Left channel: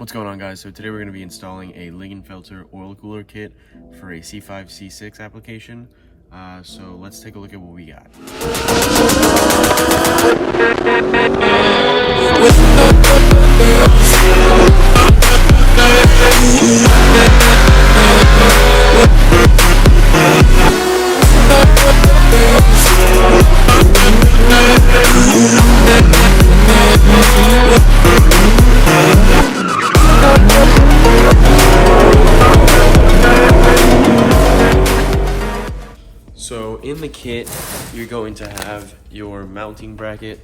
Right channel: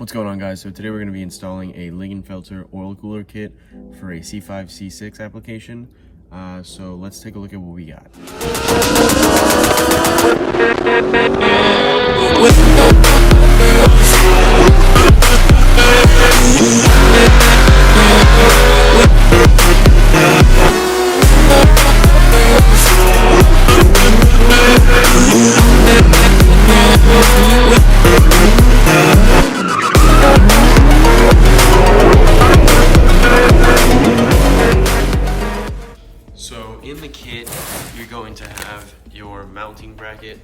What's going on, guys? So today we're going to be installing a Lingenfelter oil cooler kit for a C5 C6 application. So let's take a look at what we got. So in the kit, you're going to have your mounting bracket,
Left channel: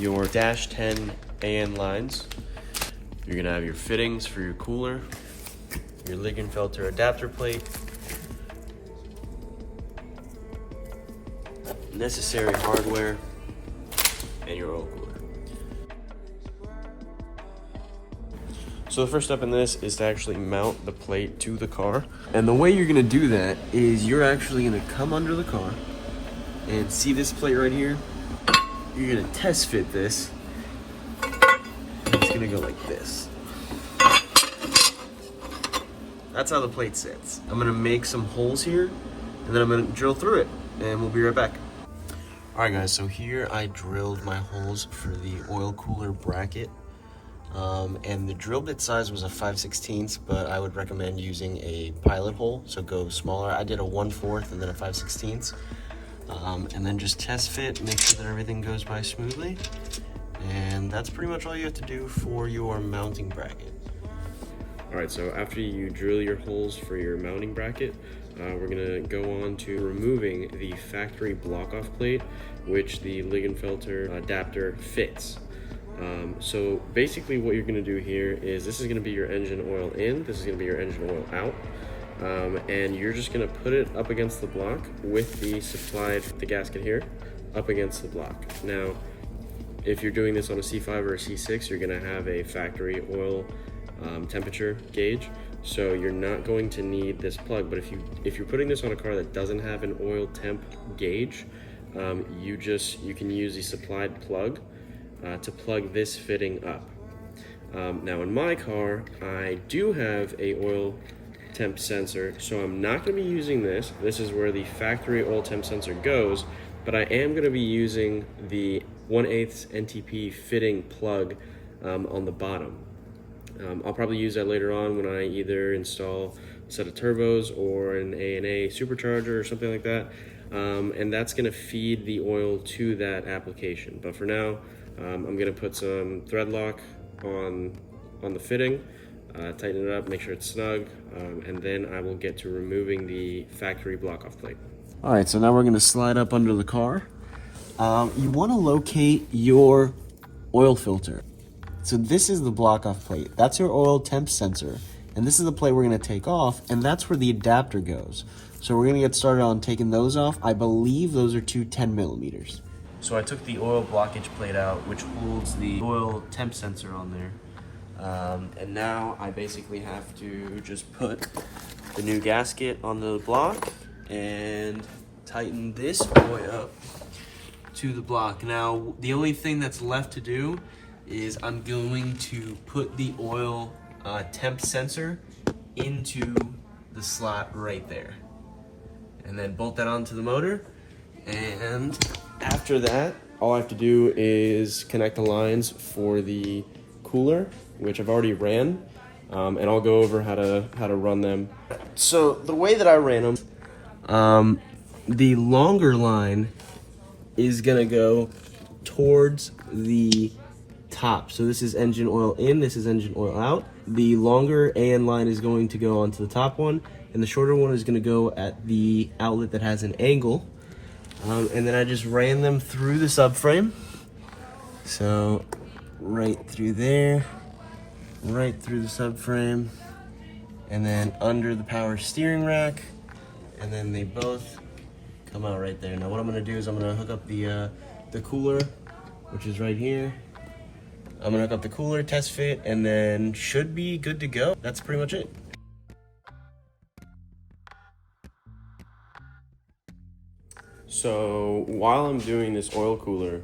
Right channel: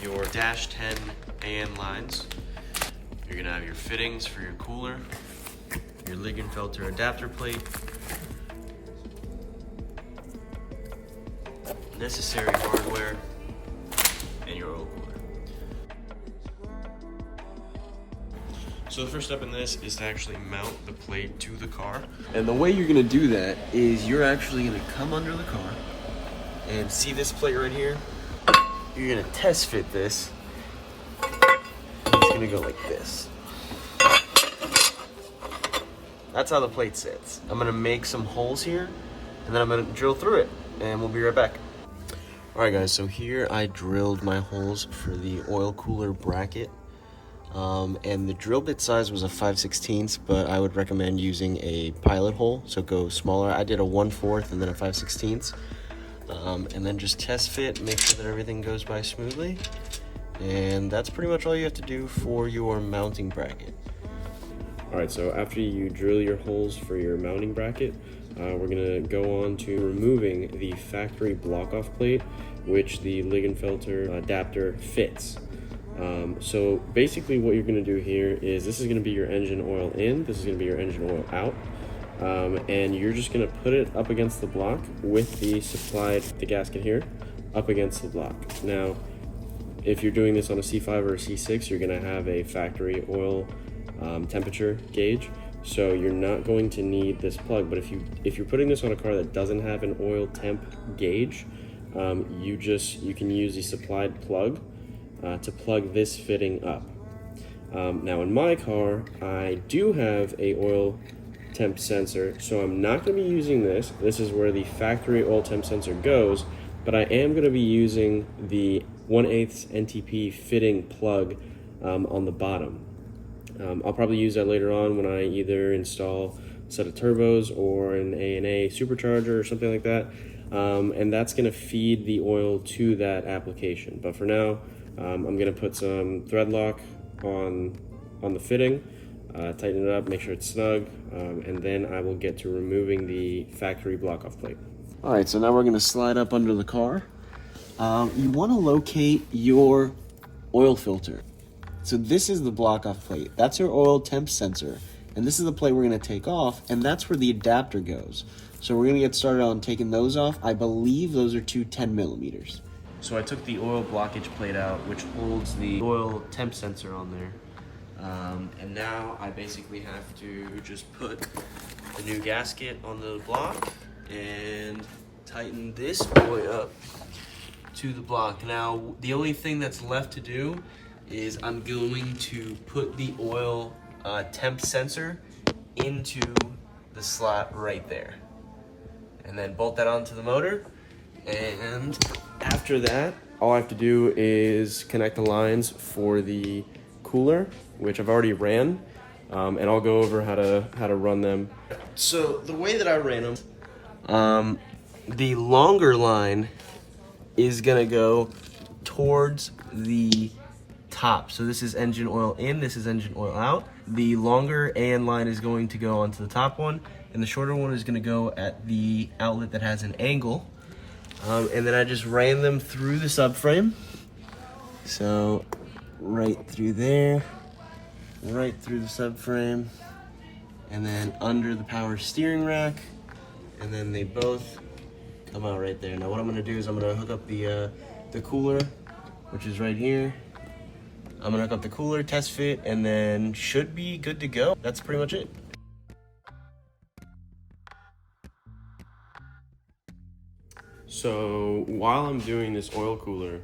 your dash 10 AN lines. You're gonna have your fittings for your cooler, your Lingenfelter adapter plate, necessary hardware, and your oil cooler. So the first step in this is to actually mount the plate to the car. And the way you're gonna do that is you're actually gonna come under the car and see this plate right here. You're gonna test fit this. And it's gonna go like this. That's how the plate sits. I'm gonna make some holes here and then I'm gonna drill through it and we'll be right back. All right, guys, so here I drilled my holes for the oil cooler bracket. And the drill bit size was a 5/16, but I would recommend using a pilot hole, so go smaller. I did a 1/4 and then a 5/16. And then just test fit, make sure that everything goes by smoothly. And that's pretty much all you have to do for your mounting bracket. All right, so after you drill your holes for your mounting bracket, we're gonna go on to removing the factory block-off plate, which the Lingenfelter adapter fits. So basically what you're going to do here is this is going to be your engine oil in, this is going to be your engine oil out, and you're just going to put it up against the block with the gasket here, up against the block. Now, if you're doing this on a C5 or a C6, you're going to have a factory oil temperature gauge, so you're not going to need this plug. But if you're putting this on a car that doesn't have an oil temp gauge, you can use the supplied plug to plug this fitting up. Now in my car, I do have a oil temp sensor, so I'm not going to be using this. This is where the factory oil temp sensor goes, but I am going to be using the 1/8 NTP fitting plug on the bottom. I'll probably use that later on when I either install a set of turbos or an A&A supercharger or something like that, and that's going to feed the oil to that application. But for now, I'm gonna put some thread lock on the fitting, tighten it up, make sure it's snug, and then I will get to removing the factory block-off plate. All right, so now we're gonna slide up under the car. You wanna locate your oil filter. So this is the block-off plate. That's your oil temp sensor. And this is the plate we're gonna take off, and that's where the adapter goes. So we're gonna get started on taking those off. I believe those are two 10 millimeters. So I took the oil blockage plate out, which holds the oil temp sensor on there. And now I basically have to just put the new gasket on the block and tighten this boy up to the block. Now, the only thing that's left to do is I'm going to put the oil temp sensor into the slot right there. And then bolt that onto the motor. And after that, all I have to do is connect the lines for the cooler, which I've already ran, and I'll go over how to run them. So the way that I ran them, the longer line is gonna go towards the top. So this is engine oil in, this is engine oil out. The longer AN line is going to go onto the top one, and the shorter one is gonna go at the outlet that has an angle. And then I just ran them through the subframe. So right through there, right through the subframe, and then under the power steering rack, and then they both come out right there. Now what I'm gonna do is I'm gonna hook up the cooler, which is right here. I'm gonna hook up the cooler, test fit, and then should be good to go. That's pretty much it. So while I'm doing this oil cooler,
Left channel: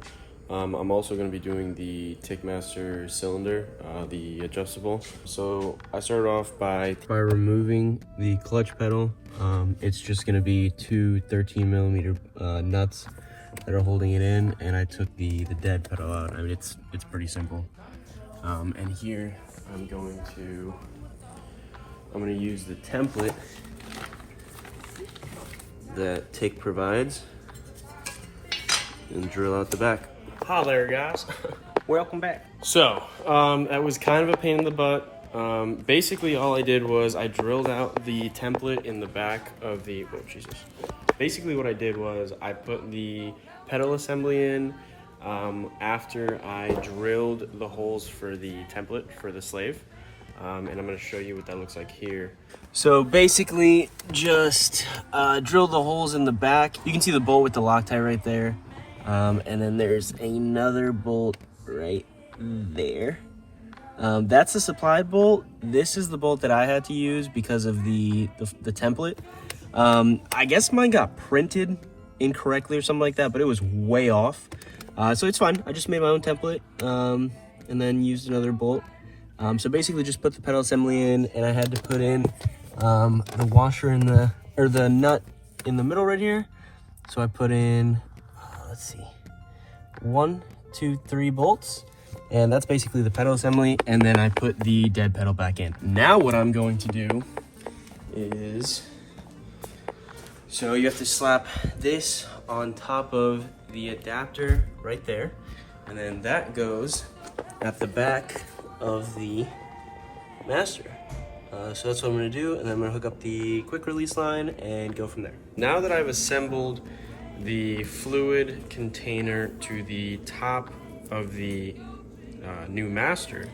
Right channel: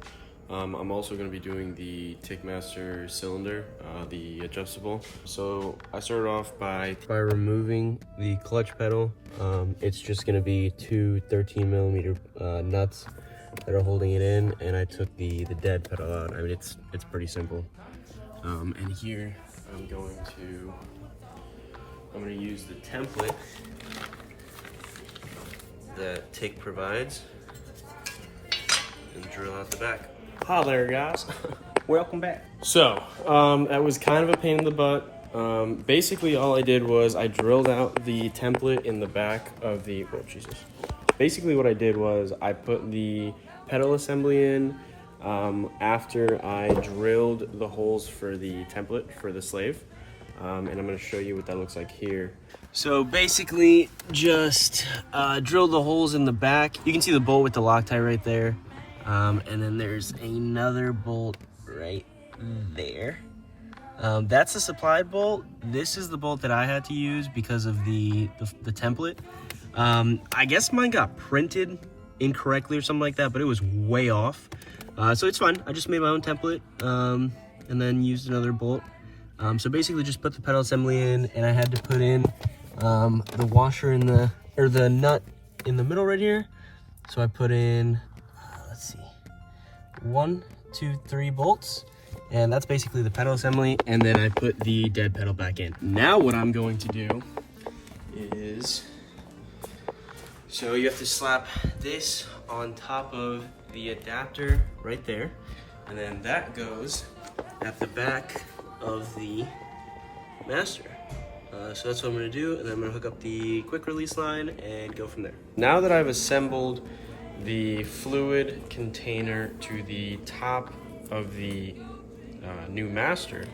I'm also going to be doing the Tickmaster cylinder, the adjustable. So I started off by removing the clutch pedal. It's just going to be two 13mm nuts that are holding it in, and I took the dead pedal out. I mean, it's pretty simple. And here I'm going to use the template that Tick provides and drill out the back. Hi there, guys. Welcome back. So, that was kind of a pain in the butt. Basically, all I did was I drilled out the template in the back of the, oh, Jesus. Basically, what I did was I put the pedal assembly in after I drilled the holes for the template for the slave. And I'm going to show you what that looks like here. So basically, just drill the holes in the back. You can see the bolt with the Loctite right there. And then there's another bolt right there. That's a supplied bolt. This is the bolt that I had to use because of the template. I guess mine got printed incorrectly or something like that, but it was way off. So it's fine. I just made my own template and then used another bolt. So basically just put the pedal assembly in, and I had to put in the washer in the nut in the middle right here. So I put in, let's see, 1, 2, 3 bolts, and that's basically the pedal assembly, and then I put the dead pedal back in. Now what I'm going to do is, so you have to slap this on top of the adapter right there, and then that goes at the back of the master. So that's what I'm gonna do, and then I'm gonna hook up the quick release line and go from there. Now that I've assembled the fluid container to the top of the new master,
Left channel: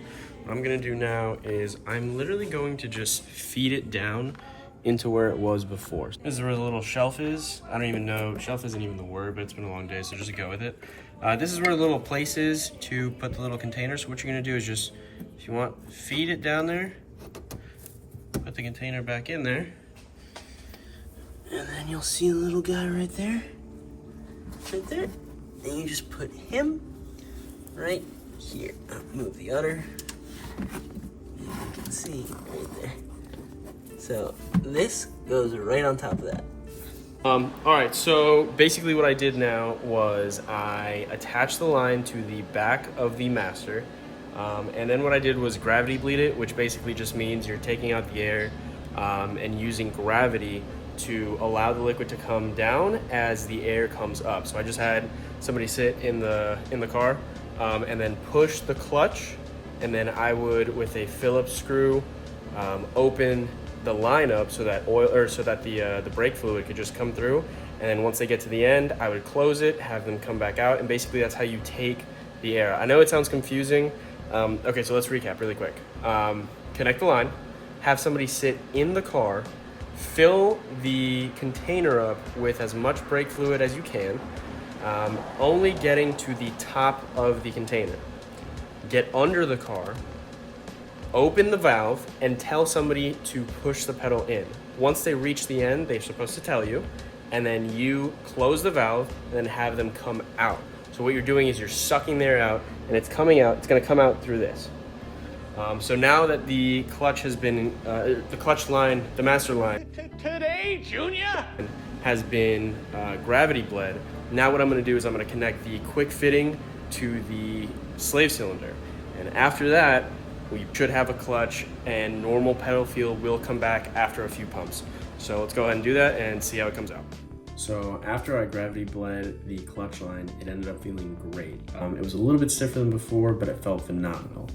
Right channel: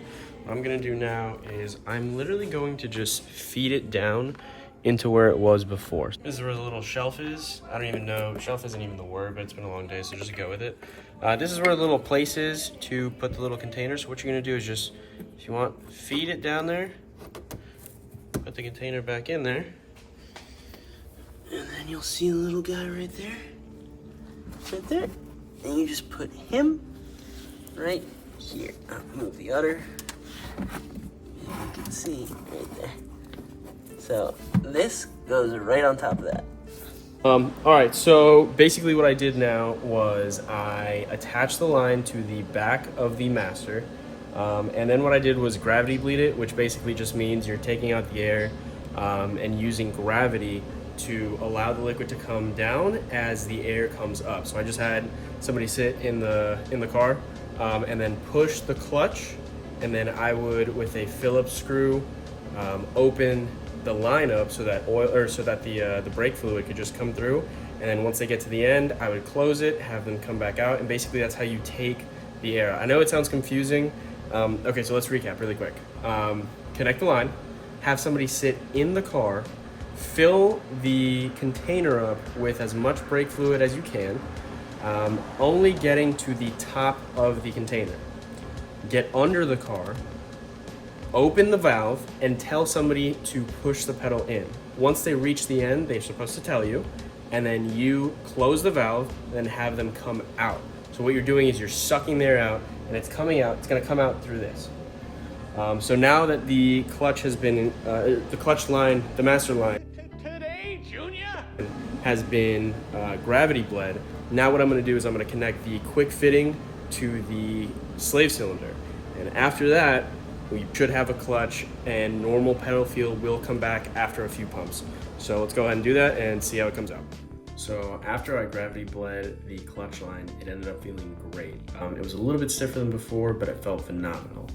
what I'm gonna do now is I'm literally going to just feed it down into where it was before. This is where the little shelf is. I don't even know, shelf isn't even the word, but it's been a long day, so just go with it. This is where the little place is to put the little container. So what you're gonna do is just, if you want, feed it down there, put the container back in there, and then you'll see a little guy right there. Right there, and you just put him right here. I'll move the udder. You can see right there. So this goes right on top of that. All right, so basically what I did now was I attached the line to the back of the master, and then what I did was gravity bleed it, which basically just means you're taking out the air and using gravity to allow the liquid to come down as the air comes up. So I just had somebody sit in the car and then push the clutch, and then I would, with a Phillips screw, open the line up so that the brake fluid could just come through. And then once they get to the end, I would close it, have them come back out, and basically that's how you take the air. I know it sounds confusing. Okay, so let's recap really quick. Connect the line, have somebody sit in the car, fill the container up with as much brake fluid as you can, only getting to the top of the container. Get under the car, open the valve, and tell somebody to push the pedal in. Once they reach the end, they're supposed to tell you, and then you close the valve, and then have them come out. So what you're doing is you're sucking the air out, and it's coming out, it's gonna come out through this. So now that the clutch has been, the clutch line, the master line, Today, Junior, has been gravity bled. Now what I'm gonna do is I'm gonna connect the quick fitting to the slave cylinder. And after that, we should have a clutch, and normal pedal feel will come back after a few pumps. So let's go ahead and do that and see how it comes out. So after I gravity bled the clutch line, it ended up feeling great. It was a little bit stiffer than before, but it felt phenomenal.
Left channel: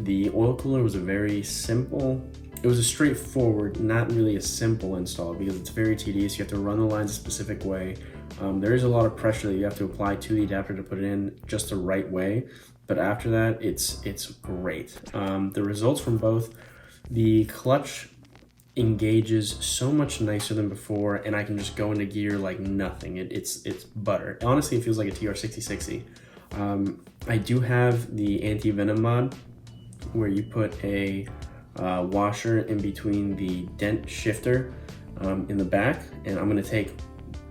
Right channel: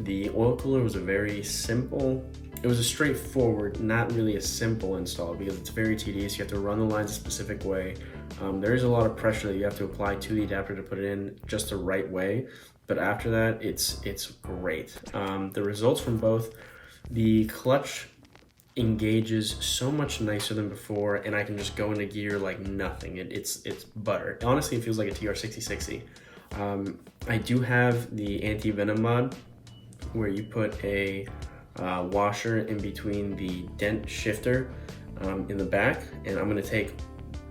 The oil cooler was it was a straightforward, not really a simple install, because it's very tedious. You have to run the lines a specific way. There is a lot of pressure that you have to apply to the adapter to put it in just the right way. But after that, it's great. The results from both, the clutch engages so much nicer than before, and I can just go into gear like nothing. It's butter. Honestly, it feels like a TR6060. I do have the anti-venom mod, where you put a washer in between the dent shifter in the back, and I'm gonna take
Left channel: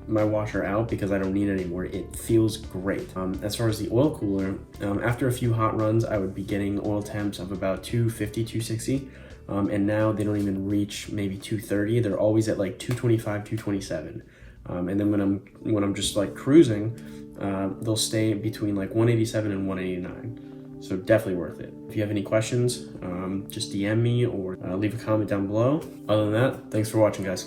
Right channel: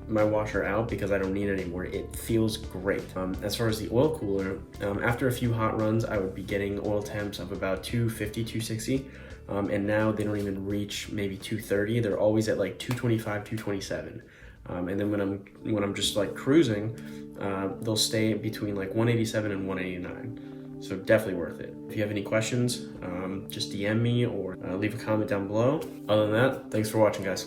my washer out because I don't need it anymore. It feels great. As far as the oil cooler, after a few hot runs, I would be getting oil temps of about 250, 260. And now they don't even reach maybe 230. They're always at like 225, 227. And then when I'm just like cruising, they'll stay between like 187 and 189. So definitely worth it. If you have any questions, just DM me or leave a comment down below. Other than that, thanks for watching, guys.